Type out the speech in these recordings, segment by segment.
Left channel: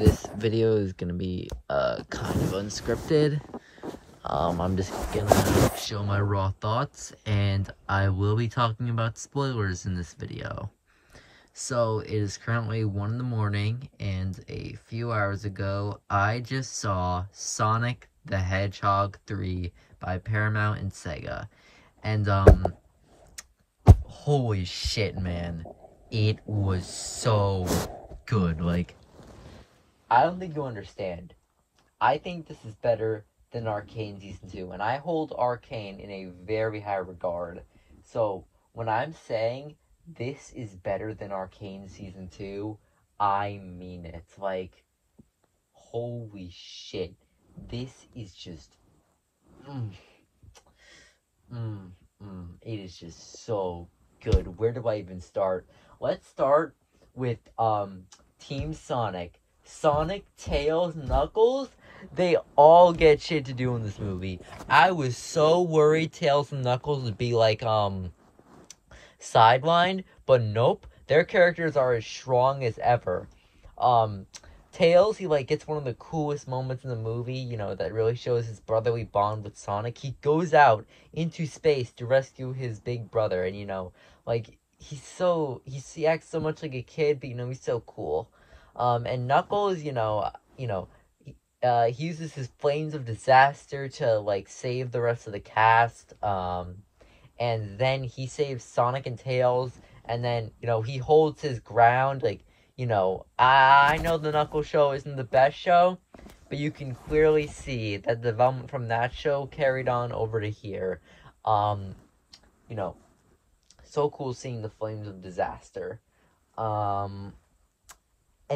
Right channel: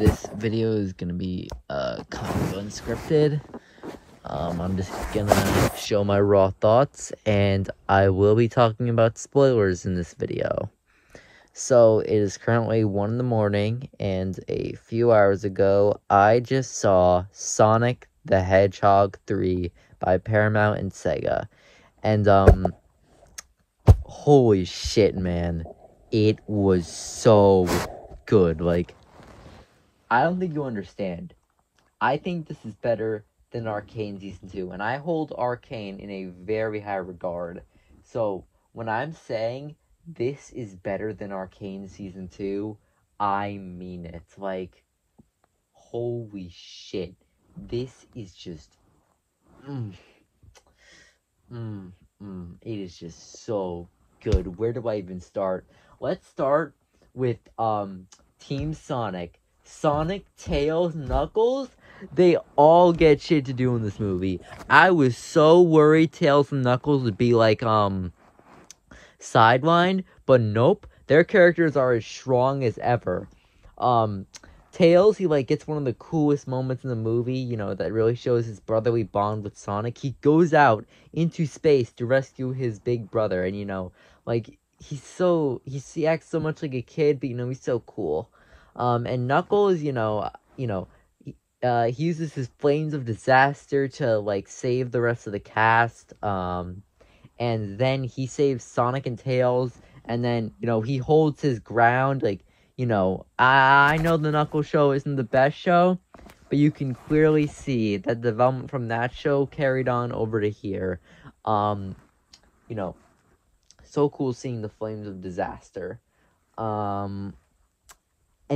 This video is gonna be kind of unscripted. I'm just gonna show my raw thoughts, and I will be talking about spoilers in this video. So, it is currently 1 in the morning, and a few hours ago, I just saw Sonic the Hedgehog 3 by Paramount and Sega. And, holy shit, man. It was so good. Like, I don't think you understand. I think this is better than Arcane Season 2, and I hold Arcane in a very high regard. So, when I'm saying this is better than Arcane Season 2, I mean it. Like, holy shit. This is just... It is just so good. Where do I even start? Let's start with, Team Sonic. Sonic, Tails, Knuckles, they all get shit to do in this movie. I was so worried Tails and Knuckles would be like, sidelined, but nope. Their characters are as strong as ever. Tails, he, like, gets one of the coolest moments in the movie, you know, that really shows his brotherly bond with Sonic. He goes out into space to rescue his big brother, and, you know, like, he acts so much like a kid, but, you know, he's so cool. And Knuckles, he uses his flames of disaster to, like, save the rest of the cast, and then he saves Sonic and Tails, and then, you know, he holds his ground, like, you know, I know the Knuckles show isn't the best show, but you can clearly see that the development from that show carried on over to here. You know, so cool seeing the flames of disaster. And,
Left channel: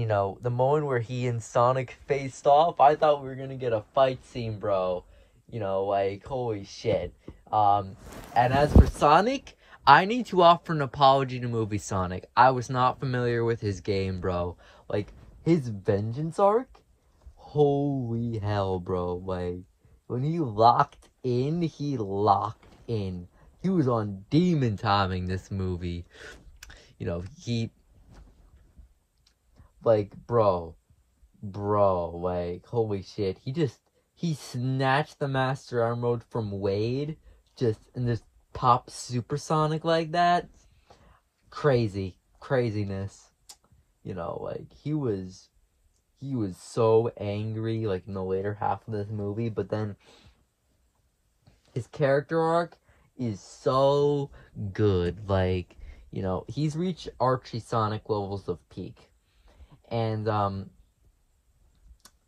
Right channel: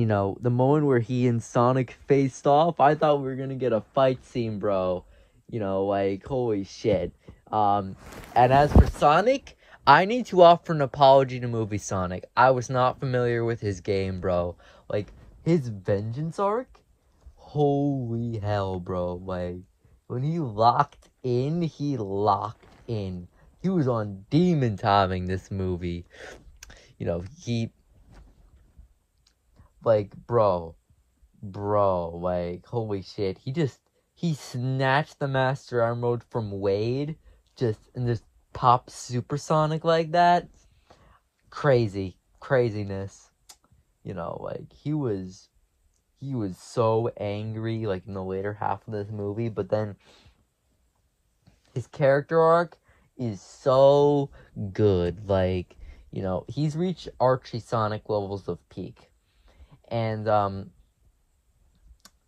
you know, the moment where he and Sonic faced off, I thought we were gonna get a fight scene, bro. You know, like, holy shit. And as for Sonic, I need to offer an apology to movie Sonic. I was not familiar with his game, bro. Like, his Vengeance arc? Holy hell, bro. Like, when he locked in, he locked in. He was on demon timing this movie. You know, like, bro, like, holy shit, he snatched the Master Arm Mode from Wade, and just popped Supersonic like that. Craziness. You know, like, he was so angry, like, in the later half of this movie, but then his character arc is so good. Like, you know, he's reached Archie Sonic levels of peak. And,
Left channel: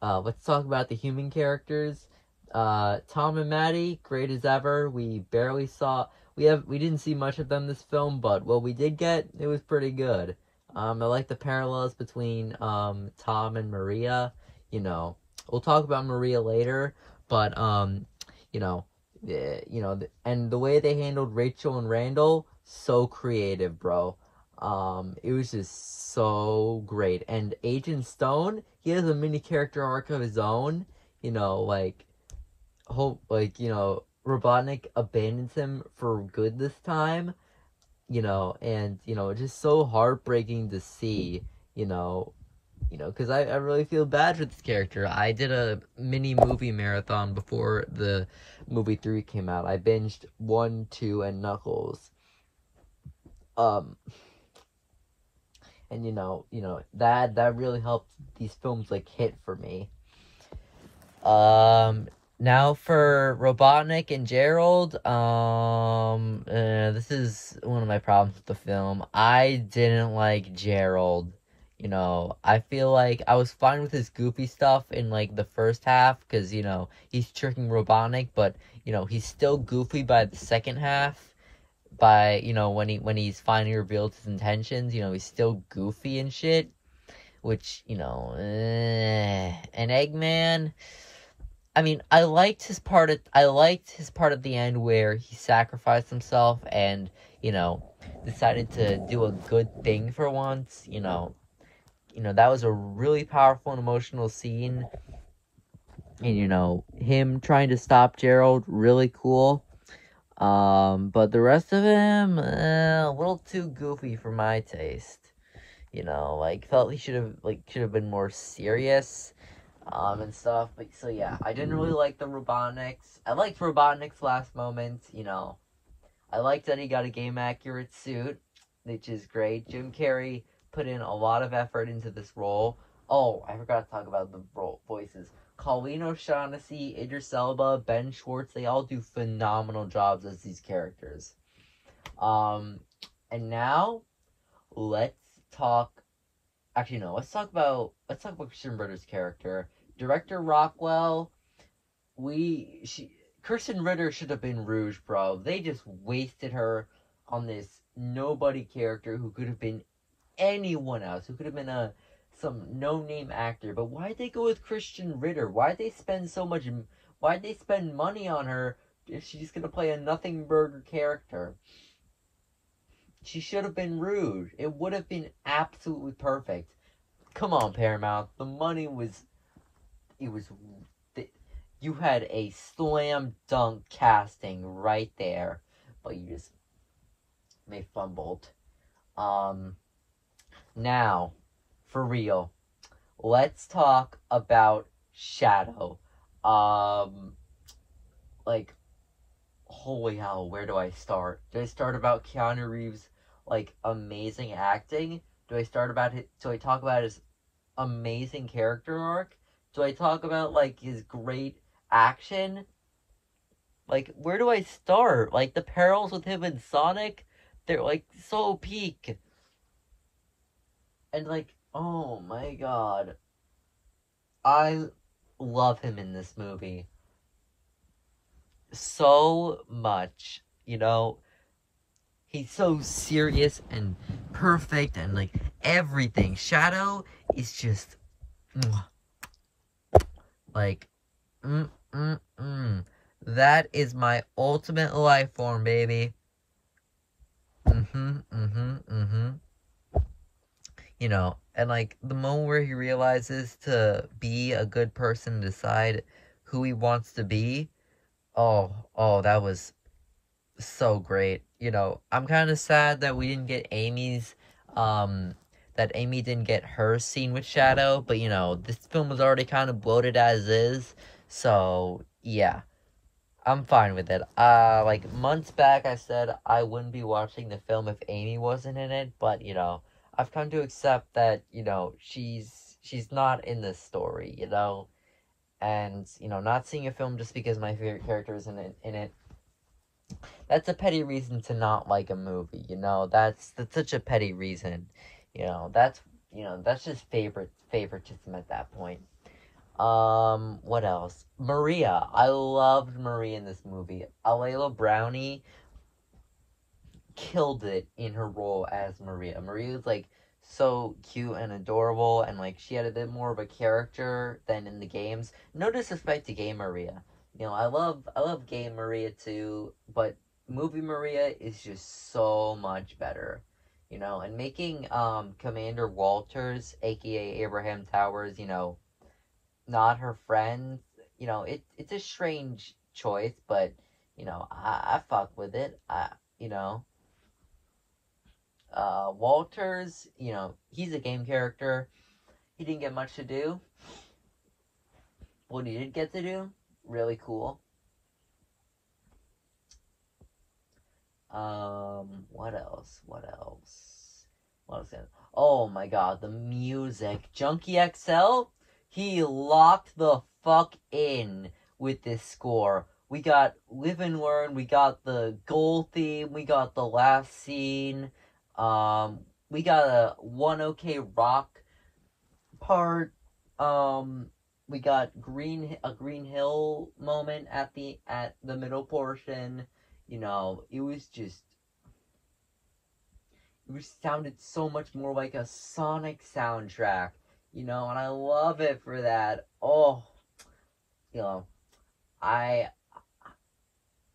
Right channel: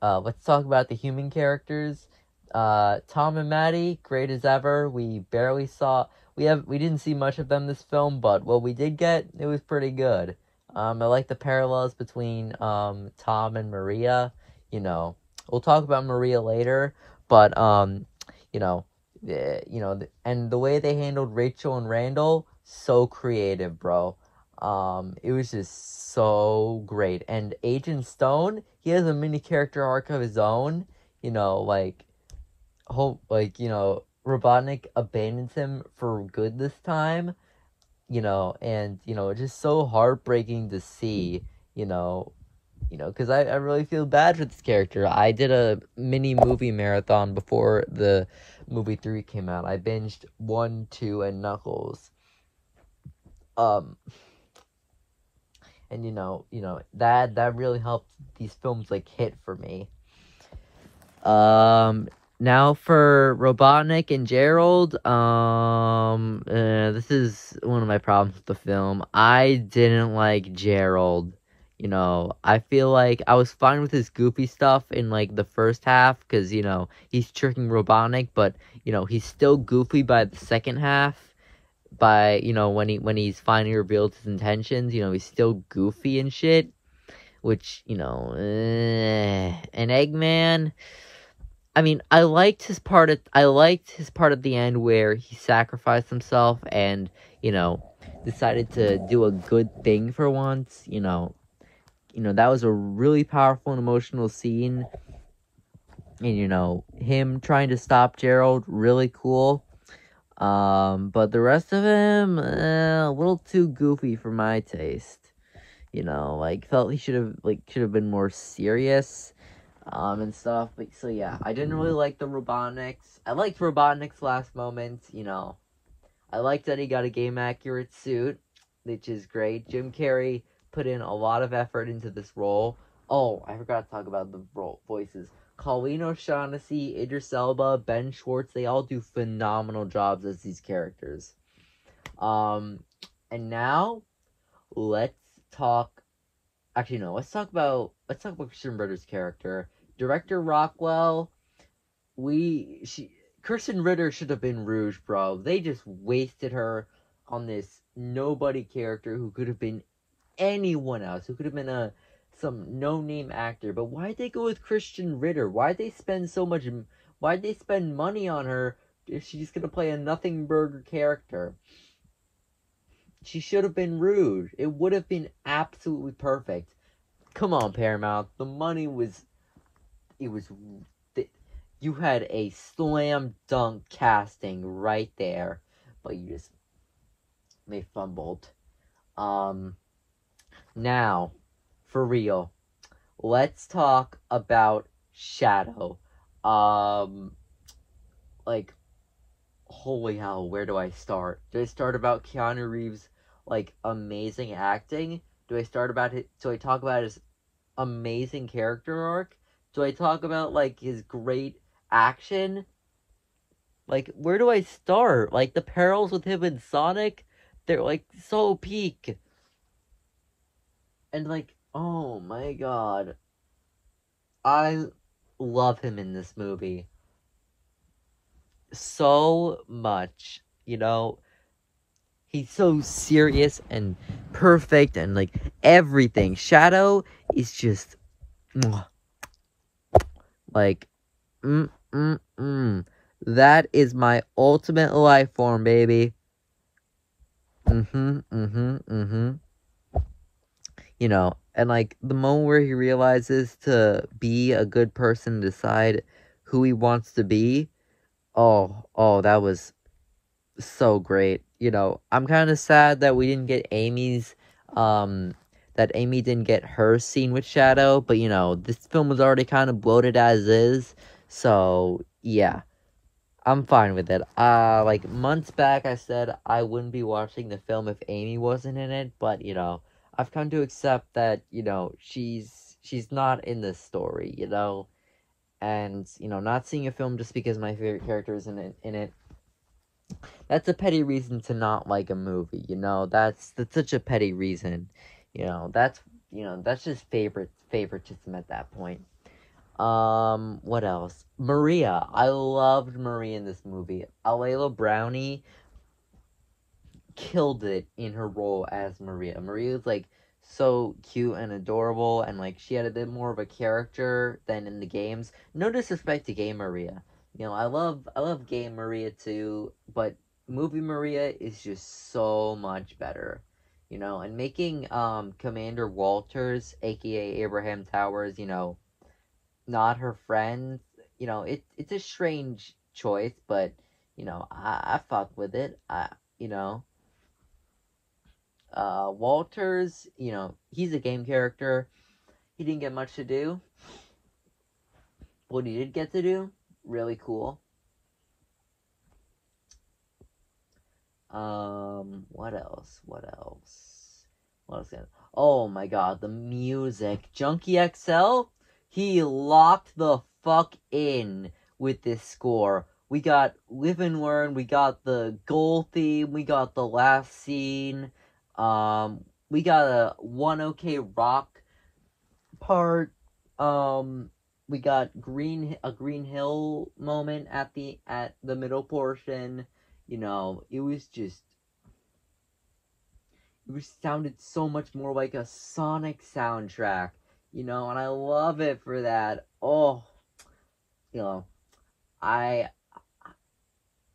let's talk about the human characters. Tom and Maddie, great as ever. We didn't see much of them this film, but what we did get, it was pretty good. I like the parallels between, Tom and Maria. You know, we'll talk about Maria later, but, and the way they handled Rachel and Randall, so creative, bro. It was just so great. And Agent Stone, he has a mini character arc of his own. You know, Robotnik abandons him for good this time. You know, and, you know, it's just so heartbreaking to see, because I really feel bad for this character. I did a mini movie marathon before the movie 3 came out. I binged 1, 2, and Knuckles. And, that really helped these films, like, hit for me. Now for Robotnik and Gerald, this is one of my problems with the film. I didn't like Gerald. You know, I feel like I was fine with his goofy stuff in, like, the first half, because, you know, he's tricking Robotnik, but, you know, he's still goofy by the second half. By, you know, when he's finally revealed his intentions, you know, he's still goofy and shit, which, you know, and Eggman, I mean, I liked his part at the end where he sacrificed himself and, you know, decided to do a good thing for once. You know, that was a really powerful and emotional scene. And, you know, him trying to stop Gerald, really cool. But the rest of him, a little too goofy for my taste. you know, like, felt he should have been more serious, and stuff. Like, so yeah, I didn't really like the Robotniks. I liked Robotnik's last moment, you know. I liked that he got a game-accurate suit, which is great. Jim Carrey put in a lot of effort into this role. Oh, I forgot to talk about the voices. Colleen O'Shaughnessy, Idris Elba, Ben Schwartz, they all do phenomenal jobs as these characters. And now, let's talk about Christian Ritter's character. Director Rockwell, Christian Ritter should have been Rouge, bro. They just wasted her on this nobody character who could have been anyone else, who could have been some no-name actor. But why'd they go with Christian Ritter? Why'd they spend money on her if she's gonna play a nothing burger character? She should have been Rouge. It would have been absolutely perfect. Come on, Paramount. The money was... You had a slam dunk casting right there. But they fumbled. Now, for real, let's talk about Shadow. Holy hell, where do I start? Do I start about Keanu Reeves' amazing acting? Do I talk about his amazing character arc? Do I talk about his great action? Where do I start? The parallels with him and Sonic, they're so peak. And oh my god, I love him in this movie so much. You know, he's so serious and perfect and everything. Shadow is just that is my ultimate life form, baby. You know, and the moment where he realizes to be a good person, decide who he wants to be, oh, that was so great. You know, I'm kind of sad that we didn't get that Amy didn't get her scene with Shadow, but you know, this film was already kind of bloated as is, so yeah, I'm fine with it. Months back I said I wouldn't be watching the film if Amy wasn't in it, but you know, I've come to accept that, you know, she's not in this story, you know, and, you know, not seeing a film just because my favorite character is in it, that's a petty reason to not like a movie, you know, that's such a petty reason, you know, that's just favoritism at that point. What else? Maria. I loved Maria in this movie. Alayla Brownie killed it in her role as Maria. Maria's so cute and adorable, and she had a bit more of a character than in the games. No disrespect to Game Maria. You know, I love Game Maria too, but movie Maria is just so much better. You know, and making Commander Walters, aka Abraham Towers, you know, not her friend, you know, it's a strange choice, but you know, I fuck with it. You know, Walters, you know, he's a game character. He didn't get much to do. What he did get to do, really cool. What else? What was that? Oh my god, the music. Junkie XL, he locked the fuck in with this score. We got Live and Learn, we got the goal theme, we got the last scene, we got a One OK Rock part, we got a Green Hill moment at the middle portion. You know, it sounded so much more like a Sonic soundtrack, you know, and I love it for that. Oh, you know, I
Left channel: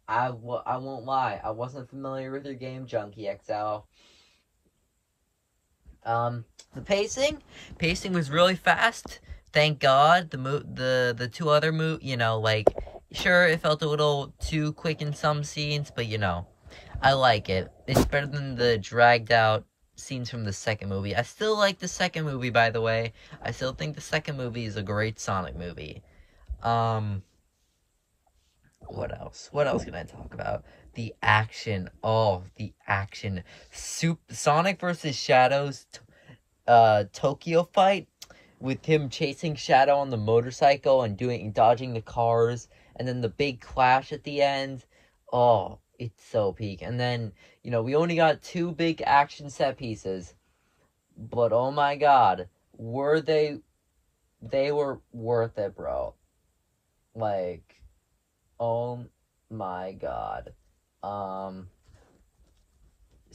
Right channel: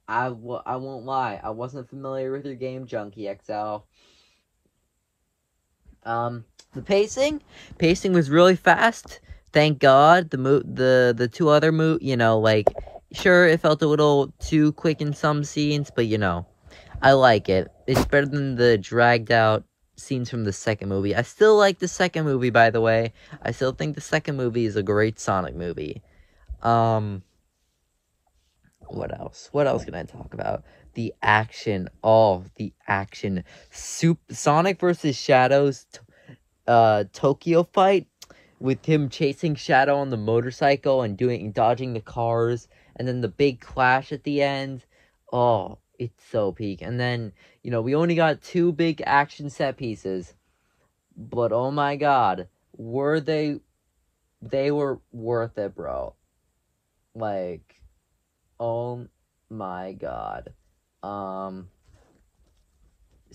won't lie, I wasn't familiar with your game, Junkie XL. The pacing was really fast. Thank God. The two other you know, sure, it felt a little too quick in some scenes, but you know, I like it. It's better than the dragged out scenes from the second movie. I still like the second movie, by the way. I still think the second movie is a great Sonic movie. What else? What else can I talk about? The action. Oh, the action. Sonic versus Shadow's Tokyo fight, with him chasing Shadow on the motorcycle and dodging the cars, and then the big clash at the end. Oh, it's so peak. And then, you know, we only got 2 big action set pieces, but oh my god, they were worth it, bro. Like, oh my god.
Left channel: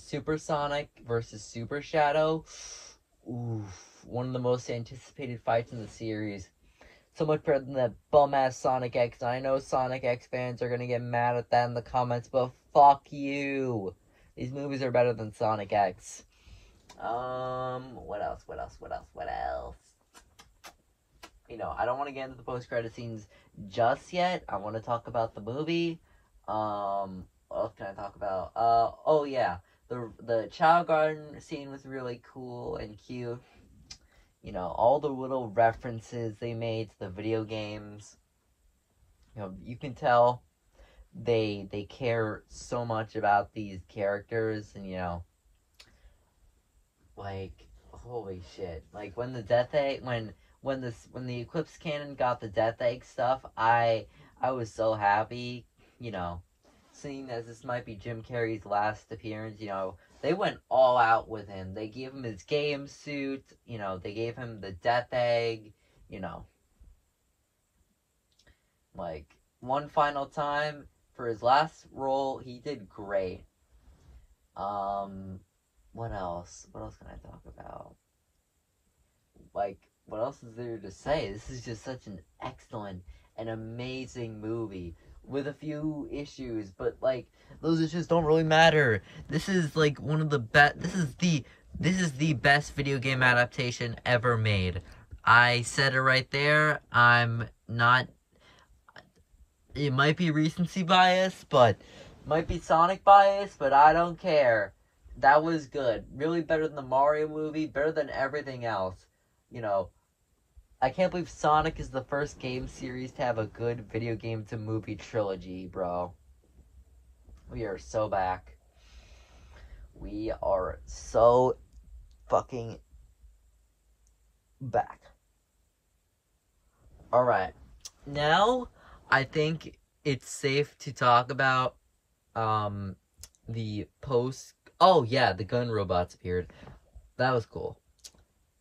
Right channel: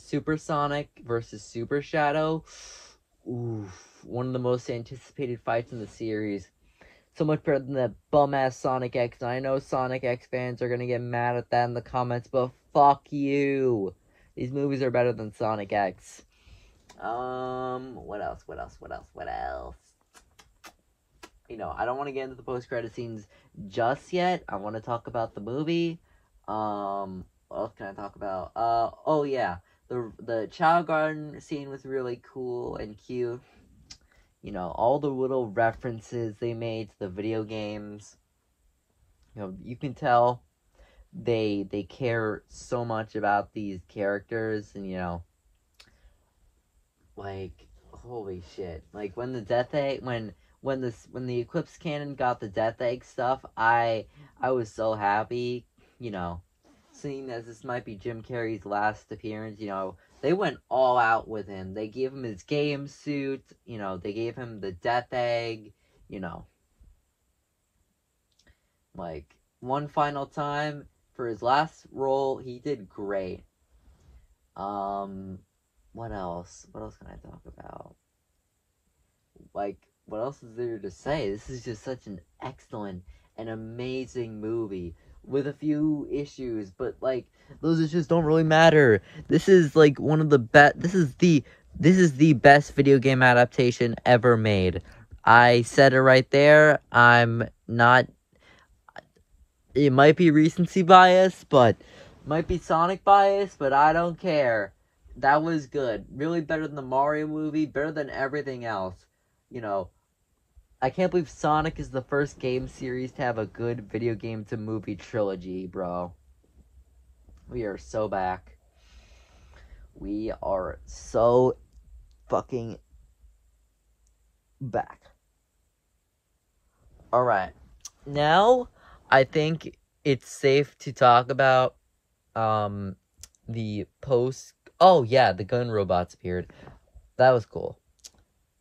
Super Sonic versus Super Shadow. Oof, one of the most anticipated fights in the series. So much better than that bum-ass Sonic X. And I know Sonic X fans are gonna get mad at that in the comments, but fuck you. These movies are better than Sonic X. What else? You know, I don't want to get into the post-credit scenes just yet. I want to talk about the movie. What else can I talk about? Oh yeah. The Child Garden scene was really cool and cute. You know, all the little references they made to the video games. You know, you can tell they care so much about these characters, and you know, like, holy shit. Like when the Death Egg when the Eclipse Cannon got the Death Egg stuff, I was so happy, you know. Seeing as this might be Jim Carrey's last appearance, you know, they went all out with him. They gave him his game suit, you know, they gave him the Death Egg, you know. Like, one final time, for his last role, he did great. What else? What else can I talk about? Like, what else is there to say? This is just such an excellent and amazing movie with a few issues, but like those issues don't really matter. This is like one of the best. This is the best video game adaptation ever made. I said it right there. I'm not. It might be recency bias, but might be Sonic bias, but I don't care. That was good. Really better than the Mario movie. Better than everything else. You know. I can't believe Sonic is the first game series to have a good video game to movie trilogy, bro. We are so back. We are so fucking back. Alright. Now, I think it's safe to talk about, the post... Oh, yeah, the gun robots appeared. That was cool.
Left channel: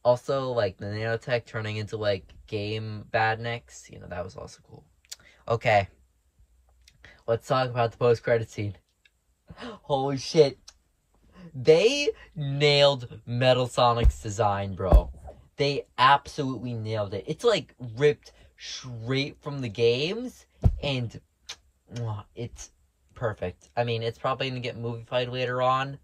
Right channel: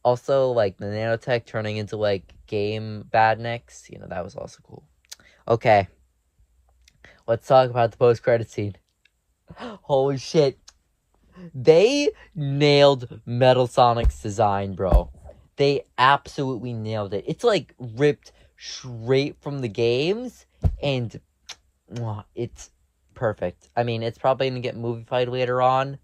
Also, like, the nanotech turning into, like, game badniks. You know, that was also cool. Okay. Let's talk about the post-credit scene. Holy shit. They nailed Metal Sonic's design, bro. They absolutely nailed it. It's, like, ripped straight from the games. And, it's perfect. I mean, it's probably gonna get movie-fied later on.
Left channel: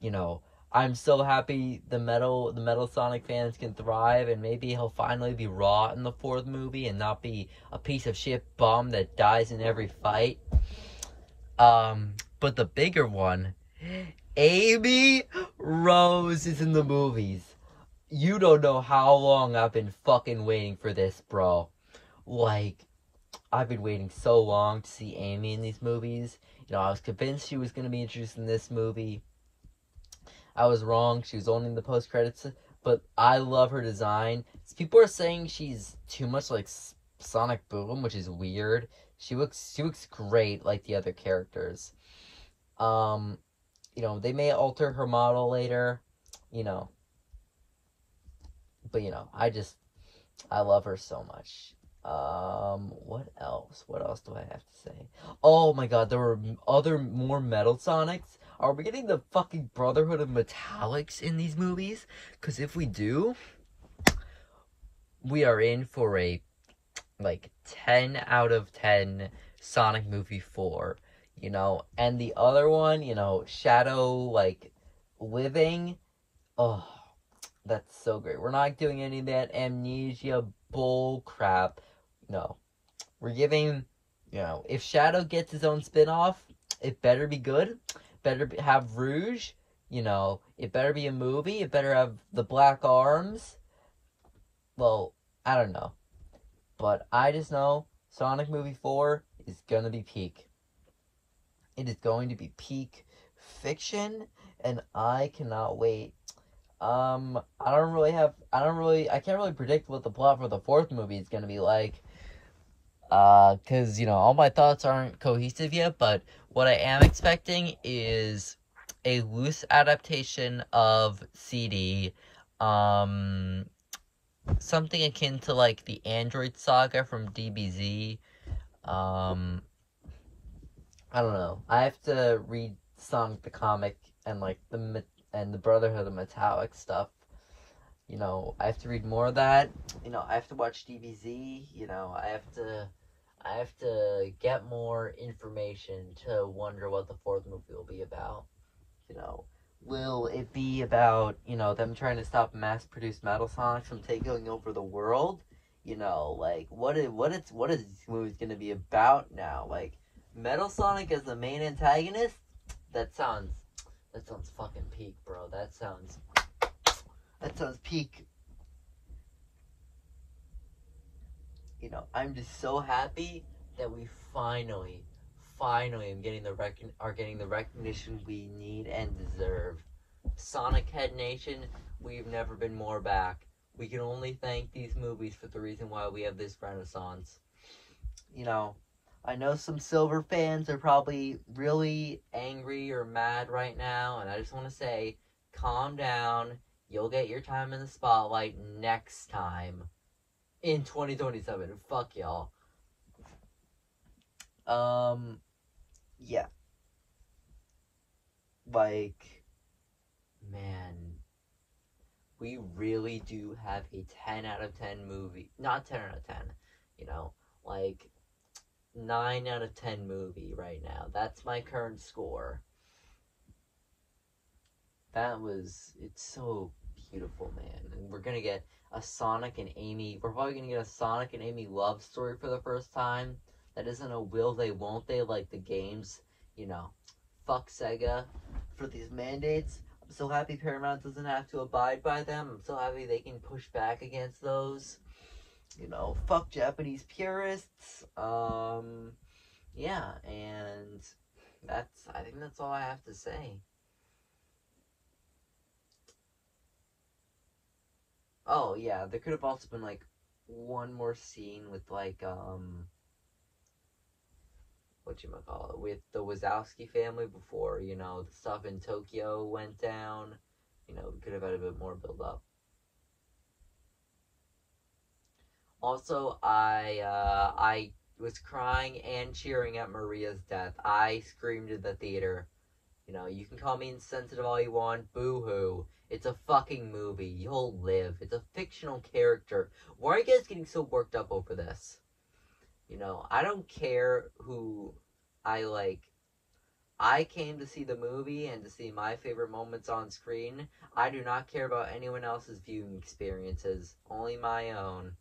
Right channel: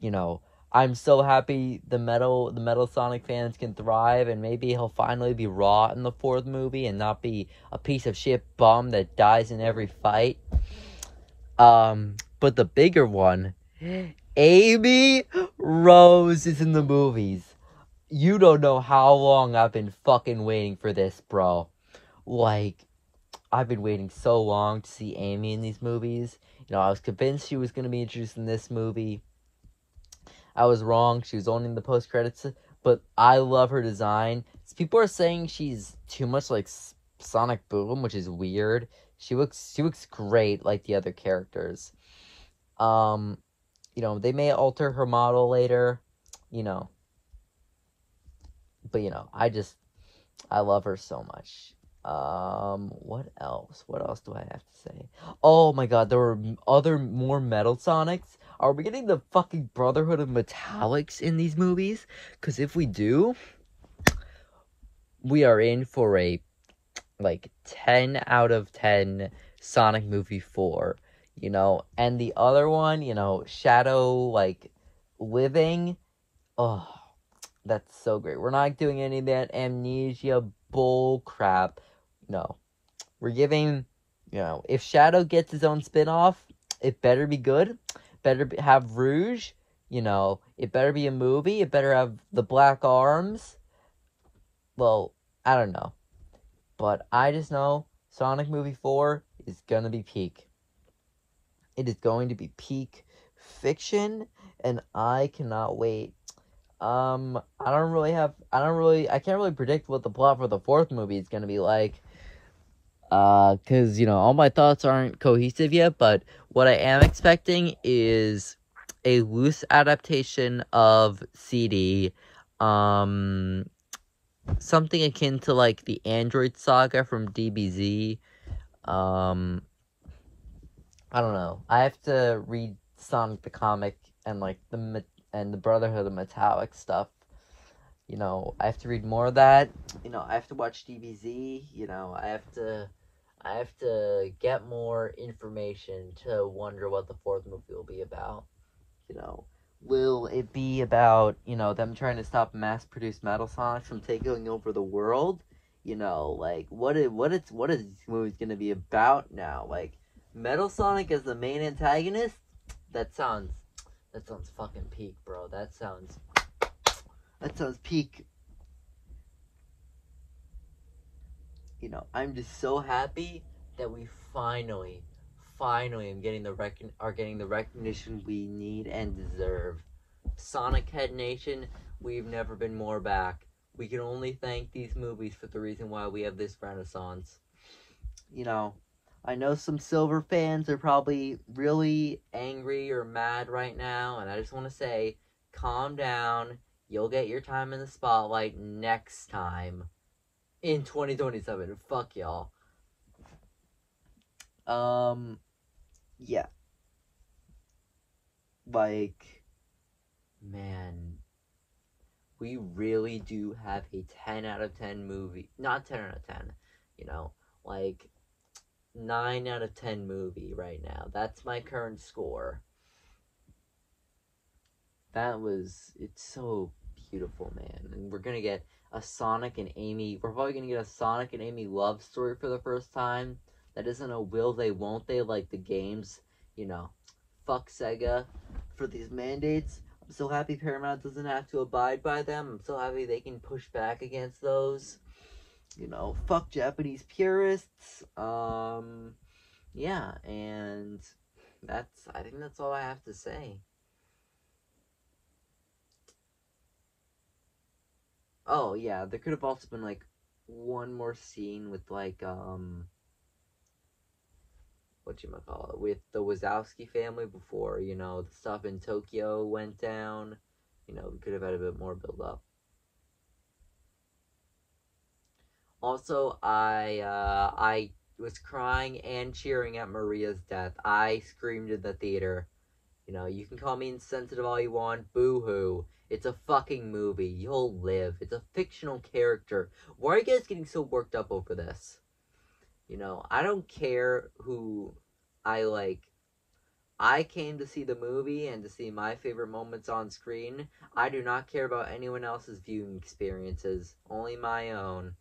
You know, I'm so happy the Metal Sonic fans can thrive, and maybe he'll finally be raw in the 4th movie and not be a piece of shit bum that dies in every fight. But the bigger one, Amy Rose is in the movies. You don't know how long I've been fucking waiting for this, bro. Like, I've been waiting so long to see Amy in these movies. You know, I was convinced she was going to be introduced in this movie. I was wrong. She was only in the post-credits, but I love her design. People are saying she's too much like Sonic Boom, which is weird. She looks great like the other characters. You know, they may alter her model later, you know. But, you know, I love her so much. What else? What else do I have to say? Oh my god, there were more Metal Sonics. Are we getting the fucking Brotherhood of Metallics in these movies? Because if we do, we are in for a, like, 10 out of 10 Sonic movie 4, you know? And the other one, you know, Shadow, like, living, oh, that's so great. We're not doing any of that amnesia bull crap, no. We're giving, you know, if Shadow gets his own spin-off, it better be good. Better have Rouge, You know, it better be a movie. It better have the black arms. Well, I don't know. But I just know Sonic Movie 4 is gonna be peak. It is going to be peak fiction, and I cannot wait. I can't really predict what the plot for the fourth movie is gonna be like. Cause, you know, all my thoughts aren't cohesive yet, but what I am expecting is a loose adaptation of CD, something akin to, like, the Android Saga from DBZ. I don't know. I have to read Sonic the Comic and, like, the Brotherhood of Metallic stuff. You know, I have to read more of that. You know, I have to watch DBZ. You know, I have to get more information to wonder what the fourth movie will be about. You know, will it be about, you know, them trying to stop mass-produced Metal Sonics from taking over the world? You know, like, what is this movie gonna be about now? Like, Metal Sonic as the main antagonist? That sounds fucking peak, bro. That sounds peak. You know, I'm just so happy that we finally are getting the recognition we need and deserve. Sonic Head Nation, we've never been more back. We can only thank these movies for the reason why we have this renaissance. You know, I know some Silver fans are probably really angry or mad right now, and I just want to say, calm down. You'll get your time in the spotlight next time. In 2027. Fuck y'all. Yeah. Like, man, we really do have a 10 out of 10 movie. Not 10 out of 10, you know, like 9 out of 10 movie right now. That's my current score. It's so beautiful, man. And we're gonna get a Sonic and Amy, we're probably gonna get a Sonic and Amy love story for the first time. That isn't a will they, won't they, like the games. You know, fuck Sega for these mandates. I'm so happy Paramount doesn't have to abide by them. I'm so happy they can push back against those. You know, fuck Japanese purists. Yeah, and I think that's all I have to say. Oh, yeah, there could have also been, like, one more scene with, like, whatchamacallit, with the Wazowski family before, you know, the stuff in Tokyo went down. You know, we could have had a bit more build-up. Also, I was crying and cheering at Maria's death. I screamed in the theater. You know, you can call me insensitive all you want, boo-hoo. It's a fucking movie. You'll live. It's a fictional character. Why are you guys getting so worked up over this? You know, I don't care who I like. I came to see the movie and to see my favorite moments on screen. I do not care about anyone else's viewing experiences. Only my own.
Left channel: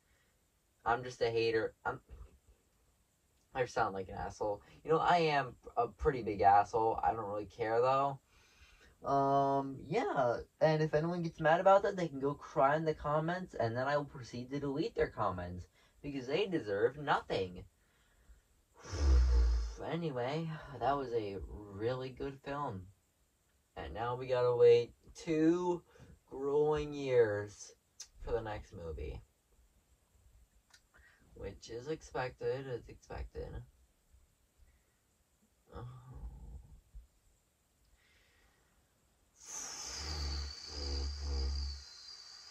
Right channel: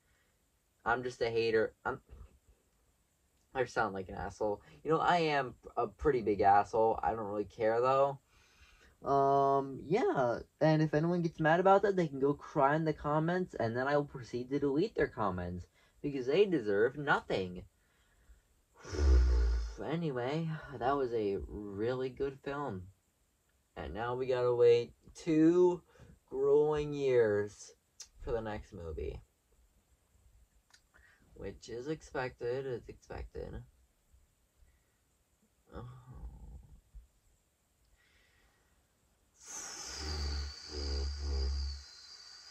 I'm just a hater. I sound like an asshole. You know, I am a pretty big asshole. I don't really care, though. Yeah, and if anyone gets mad about that, they can go cry in the comments, and then I will proceed to delete their comments, because they deserve nothing. Anyway, that was a really good film. And now we gotta wait 2 grueling years for the next movie. Which is expected, it's expected.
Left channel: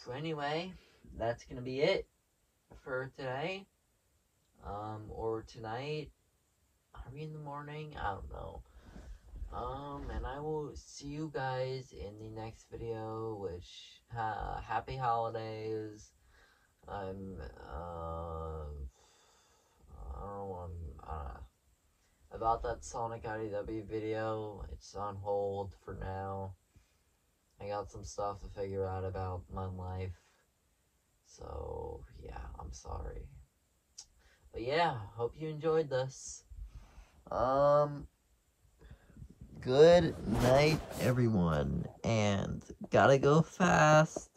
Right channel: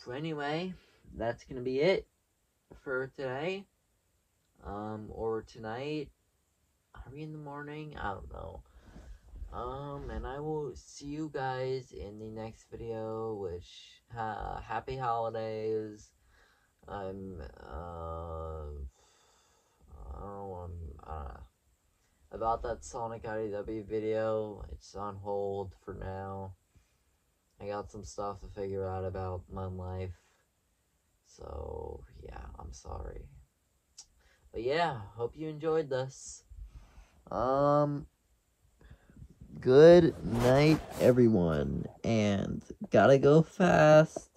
So anyway, that's gonna be it for today. Or tonight. Are we in the morning? I don't know. And I will see you guys in the next video, which, happy holidays. I don't know, about that Sonic IDW video, it's on hold for now. I got some stuff to figure out about my life. So, yeah, I'm sorry. But yeah, hope you enjoyed this. good night, everyone. And gotta go fast.